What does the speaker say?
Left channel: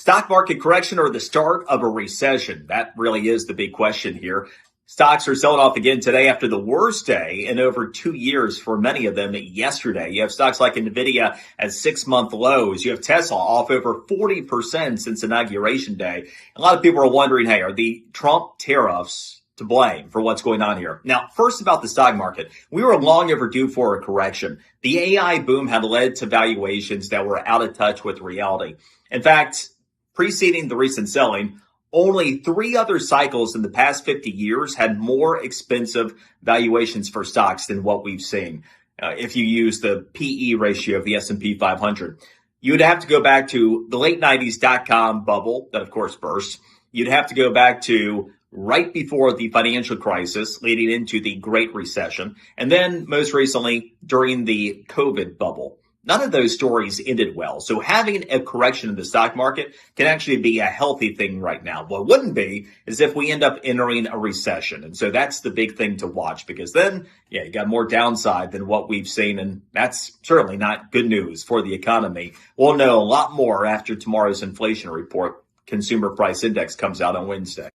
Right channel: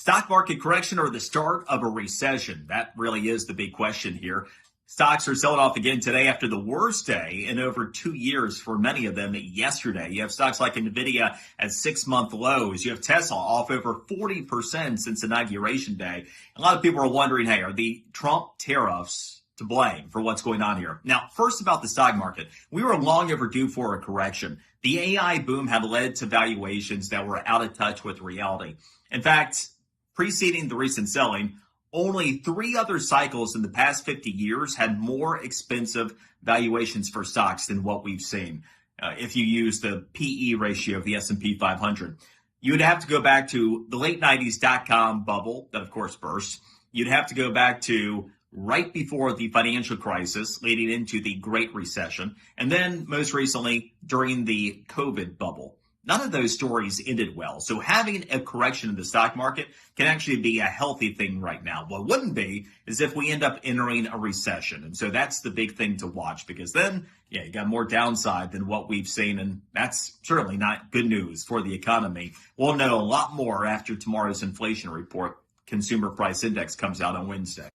Stock market correction or the start of a recession? That really is the big question here. Stocks are selling off again today after the worst day in over 2 years for many of them yesterday. You have stocks like NVIDIA at 6-month lows. You have Tesla off over 40% since inauguration day. A lot of people are wondering, hey, are the Trump tariffs to blame for what's going on here? Now, first about the stock market, we were long overdue for a correction. The AI boom had led to valuations that were out of touch with reality. In fact, preceding the recent selling, only 3 other cycles in the past 50 years had more expensive valuations for stocks than what we've seen. If you use the PE ratio of the S&P 500, you'd have to go back to the late 90s dot-com bubble that, of course, burst. You'd have to go back to right before the financial crisis leading into the Great Recession, and then most recently during the COVID bubble. None of those stories ended well. So having a correction in the stock market can actually be a healthy thing right now. What wouldn't be is if we end up entering a recession. And so that's the big thing to watch, because then, you got more downside than what we've seen. And that's certainly not good news for the economy. We'll know a lot more after tomorrow's inflation report. Consumer price index comes out on Wednesday.